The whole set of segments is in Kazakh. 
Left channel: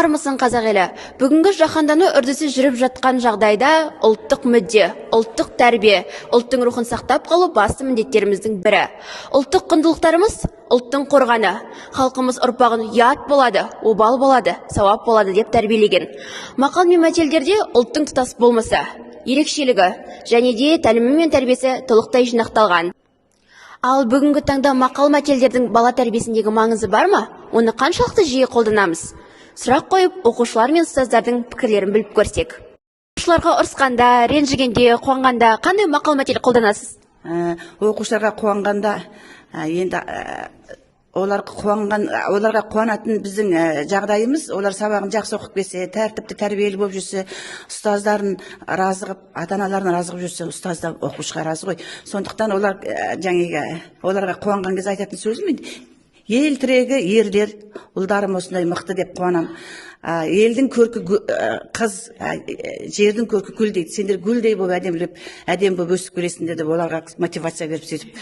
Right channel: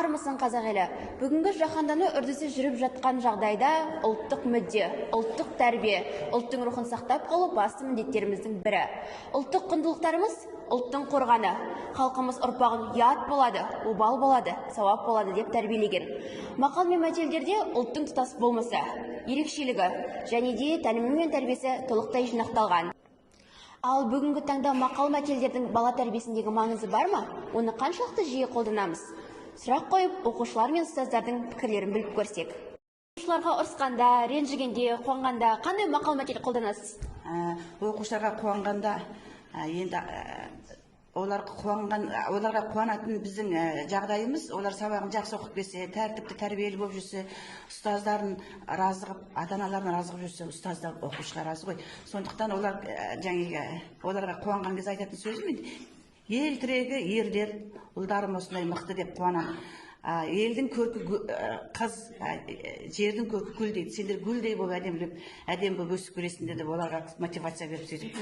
Армысың қазақ елі. Бүгінгі жаһандану үрдісі жүріп жатқан жағдайда ұлттық мүдде, ұлттық тәрбие, ұлттың рухын сақтап қалу басты міндеттеріміздің бірі. Ұлттық құндылықтарымыз ұлттың қорғаны. Халқымыз ұрпағын ұят болады, обал болады, сауап болады деп тәрбиелеген. Мақал мен мәтелдерде ұлттың тұтас болмысы, ерекшелігі және де тәлімі мен тәрбиесі толықтай жинақталған. Ал бүгінгі таңда мақал мәтелдердің бала тәрбиесіндегі маңызы бар ма? Оны қаншалықты жиі қолданамыз? Сұрақ қойып, оқушылар мен ұстаздардың пікірлерін біліп көрсек. Оқушыларға ұрысқанда, ренжігенде, қуанғанда қандай мақал мәтел қолданасыз? Оқушыларға қуанғанда, енді оларға қуанатын біздің жағдайымыз, олар сабағын жақсы оқып келсе, тәртіпті, тәрбиелі болып жүрсе, ұстаздарын разы қылып, ата-аналарын разы қылып жүрсе, ұстаз да оқушыға разы ғой. Сондықтан оларға қуанған кезде айтатын сөзім енді, ел тірегі ерлер, ұлдарым осындай мықты деп қуанам. Елдің көркі қыз, жердің көркі гүл дейді. Сендер гүлдей болып әдем болып өсіп келесіңдер деп оларға мотивация беріп сөйтіп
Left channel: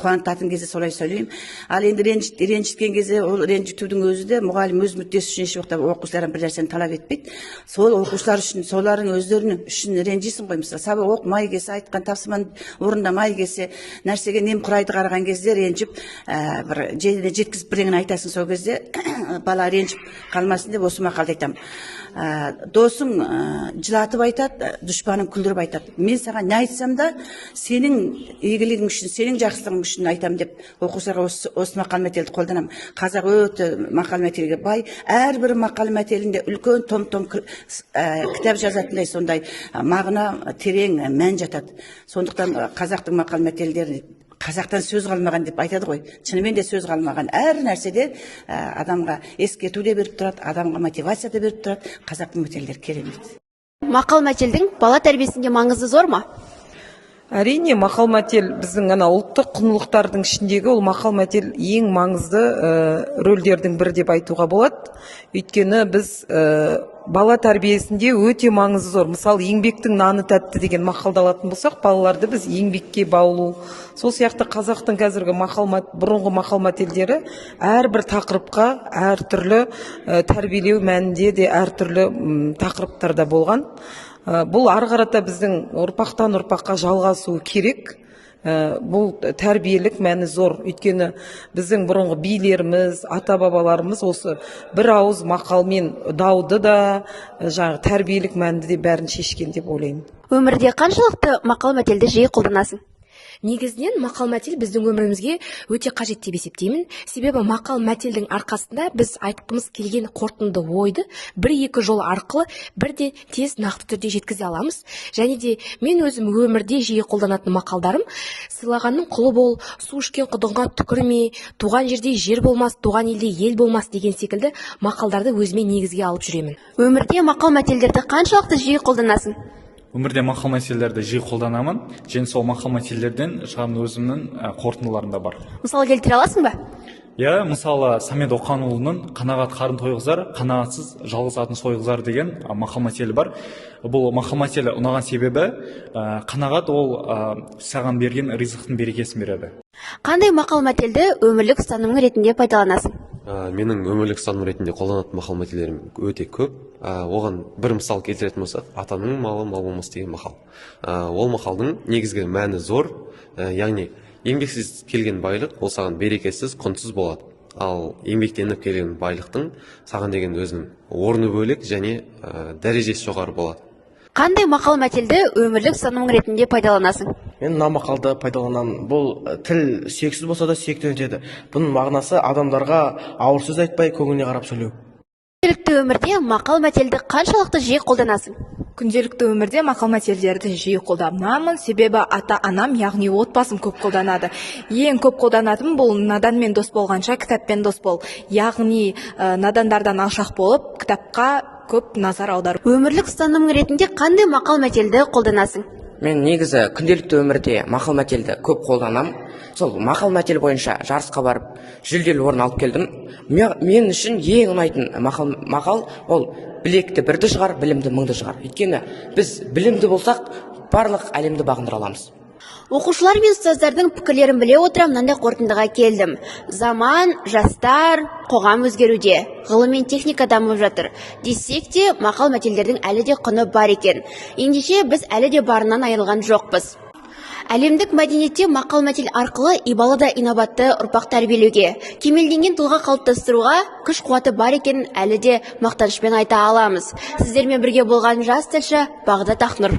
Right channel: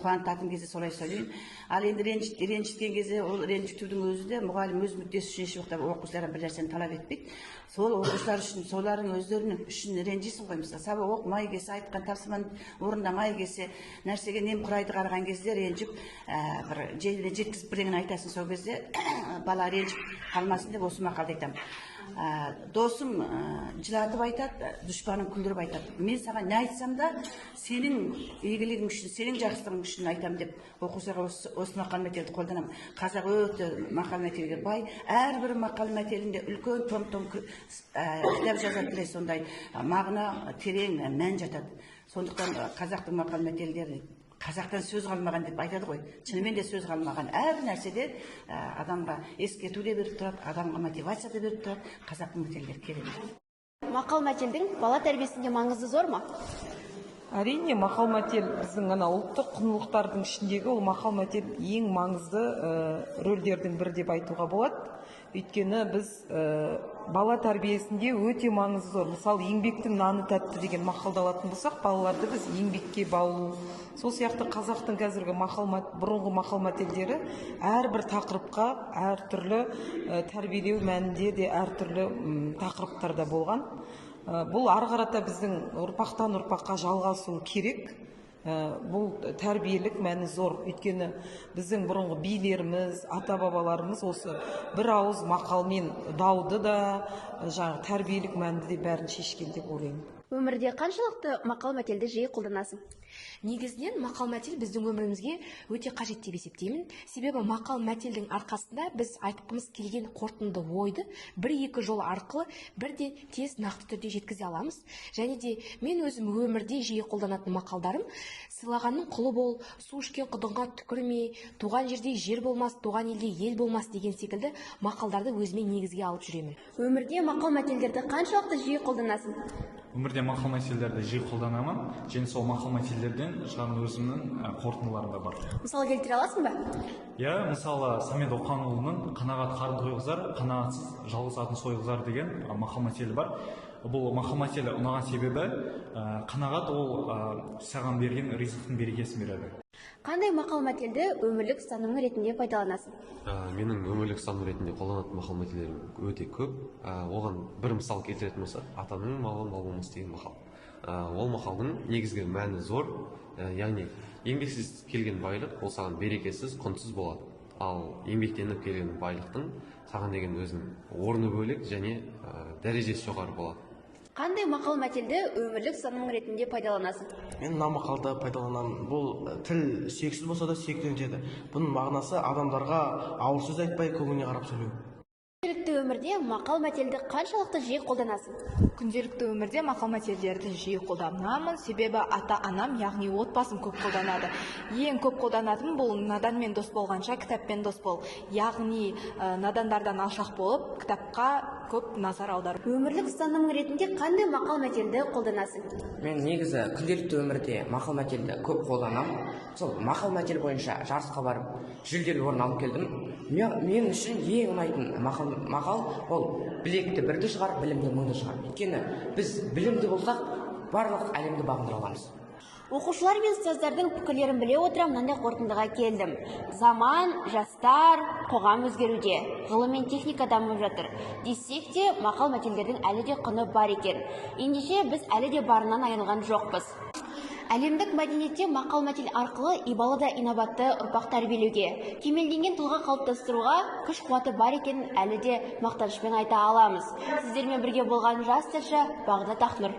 қуантатын кезде солай сөйлеймін. Ал енді ренжіткен кезде, ол ренжітудің өзі де мұғалім өз мүддесі үшін ешуақытта оқушылардан бір нәрсені талап етпейді. Сол оқушылар үшін, солардың өздерінің үшін ренжисің ғой. Мысалы, сабақ оқымай келсе, айтқан тапсырманы орындамай келсе, нәрсеге немқұрайды қараған кезде ренжіп, бір жеріне жеткізіп бірдеңені айтасың, сол кезде бала ренжіп қалмасын деп осы мақалды айтамын. Досың жылатып айтады, дұшпаның күлдіріп айтады. Мен саған не айтсам да, сенің игілігің үшін, сенің жақсылығың үшін айтамын деп оқушыларға осы мақал мәтелді қолданамын. Қазақ өте мақал мәтелге бай, әрбір мақал мәтелінде үлкен том-том кітап жазатындай сондай мағына терең мән жатады. Сондықтан қазақтың мақал мәтелдері қазақтан сөз қалмаған деп айтады ғой. Шынымен де сөз қалмаған. Әр нәрседе адамға ескерту де беріп тұрады, адамға мотивация да беріп тұрады. Қазақтың мәтелдері керемет. Мақал мәтелдің бала тәрбиесінде маңызы зор ма? Әрине, мақал мәтел біздің ұлттық құндылықтардың ішіндегі ол мақал мәтел ең маңызды рөлдердің бірі деп айтуға болады. Өйткені біз бала тәрбиесінде өте маңызы зор. Мысалы, еңбектің наны тәтті деген мақалды алатын болсақ, балаларды біз еңбекке баулу. Сол сияқты қазақтың қазіргі бұрынғы мақал мәтелдері әрбір тақырыпқа әртүрлі тәрбиелеу мәнінде де әртүрлі тақырыптарда болған. Бұл ары қарата біздің ұрпақтан ұрпаққа жалғасуы керек. Бұл тәрбиелік мәні зор. Өйткені біздің бұрынғы билеріміз, ата-бабаларымыз осы бір ауыз мақалмен дауды да, тәрбиелік мәнді де бәрін шешкен деп ойлаймын. Өмірде қаншалықты мақал мәтелді жиі қолданасың? Негізінен мақал мәтел біздің өмірімізге өте қажет деп есептеймін. Себебі мақал мәтелдің арқасында біз айтқымыз келген қорытынды ойды бір-екі жол арқылы бірден тез нақты түрде жеткізе аламыз. Және де мен өзім өмірде жиі қолданатын мақалдарым: сыйлағанның құлы бол, су ішкен құдығыңа түкірме, туған жерде жер болмас, туған елде ел болмас деген секілді мақалдарды өзіме негізге алып жүремін. Өмірде мақал мәтелдерді қаншалықты жиі қолданасың? Өмірде мақал мәтелдерді жиі қолданамын, және сол мақал мәтелдерден шығатын өзімнің қорытындыларым да бар. Мысалы келтіре аласың ба? Мысалы, Самет Оқанұлының «Қанағат қарын тойғызар, қанағатсыз жалғыз атын сойғызар» деген мақал мәтелі бар. Бұл мақал мәтелі ұнаған себебі, қанағат ол саған берген ризықтың берекесін береді. Қандай мақал мәтелді өмірлік ұстанымың ретінде пайдаланасың? Менің өмірлік ұстаным ретінде қолданатын мақал мәтелдерім өте көп. Оған бір мысал келтіретін болсақ, атаның малы мал болмас деген мақал. Ол мақалдың негізгі мәні зор, яғни еңбексіз келген байлық ол саған берекесіз, құнсыз болады. Ал еңбектеніп келген байлықтың саған деген өзінің орны бөлек және дәрежесі жоғары болады. Қандай мақал мәтелді өмірлік ұстанымың ретінде пайдаланасың? Мен мына мақалды пайдаланамын. Бұл тіл сексіз болса да сүйекті өтеді. Бұның мағынасы адамдарға ауыр сөз айтпай, көңіліне қарап сөйлеу. Күнделікті өмірде мақал мәтелді қаншалықты жиі қолданасың? Күнделікті өмірде мақал мәтелдерді жиі қолданамын, себебі ата-анам, яғни отбасым көп қолданады. Ең көп қолданатым бұл наданмен дос болғанша кітаппен дос бол. Яғни надандардан алшақ болып, кітапқа көп назар аудару. Өмірлік ұстаным ретінде қандай мақал мәтелді қолданасың? Мен негізі күнделікті өмірде мақал мәтелді көп қолданам. Сол мақал мәтел бойынша жарысқа барып, жүлделі орын алып келдім. Мен үшін ең ұнайтын мақал ол білекті бірді шығар, білімді мыңды шығар. Өйткені біз білімді болсақ, барлық әлемді бағындыра аламыз. Оқушылар мен ұстаздардың пікірлерін біле отыра мынандай қорытындыға келдім. Заман, жастар, қоғам өзгеруде, ғылым мен техника дамып жатыр. Десек те, мақал-мәтелдердің әлі де құны бар екен. Ендеше біз әлі де барынан айырылған жоқпыз. Әлемдік мәдениетте мақал-мәтел арқылы ибалы да инабатты ұрпақ тәрбиелеуге, кемелденген тұлға қалыптастыруға күш қуаты бар екенін әлі де мақтанышпен айта аламыз. Сіздермен бірге болған жас тілші Бағдат Ақнұр.